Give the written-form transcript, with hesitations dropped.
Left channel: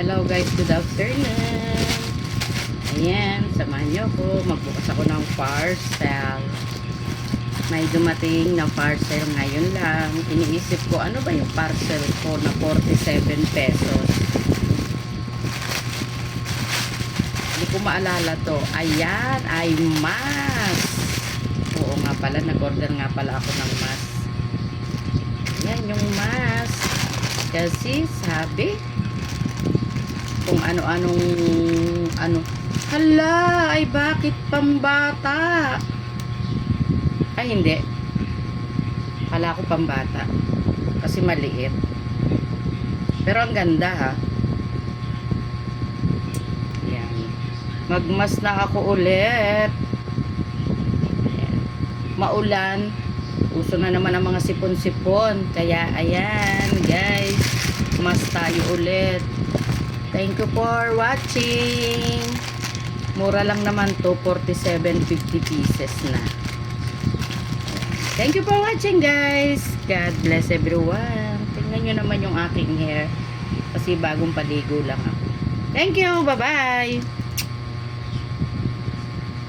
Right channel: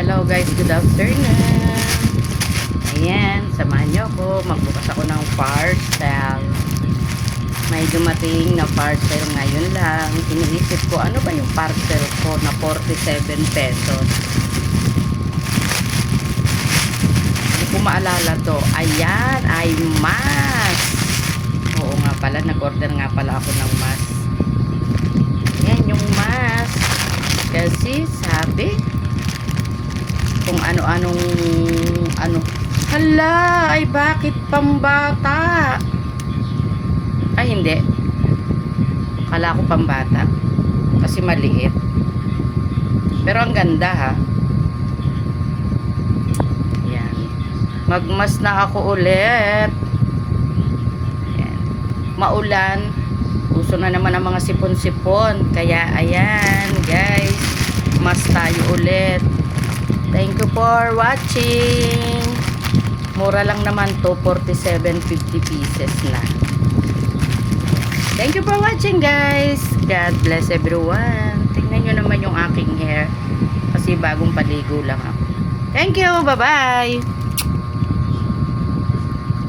Hello guys, good afternoon. Ayan, samahan nyo ako. Magbukas ako ng parcel. May dumating na parcel ngayon lang. Iniisip ko, ano ba yung parcel ko na 47 pesos? Hindi ko maalala to. Ayan, ay mask. Oo nga pala, nag-order nga pala ako ng mask. Ayan yung mask. Kasi sabi, kung ano-anong hala, ay bakit pambata? Ay hindi, kala ko pambata kasi maliit, pero ang ganda ha. Ayan, magmas na ako ulit. Ayan. Maulan, uso na naman ang mga sipon-sipon, kaya ayan guys, mas tayo ulit. Thank you for watching. Mura lang naman to, 47.50 pieces na. Thank you for watching guys. God bless everyone. Tingnan nyo naman yung aking hair. Kasi bagong paligo lang ako. Thank you. Bye-bye.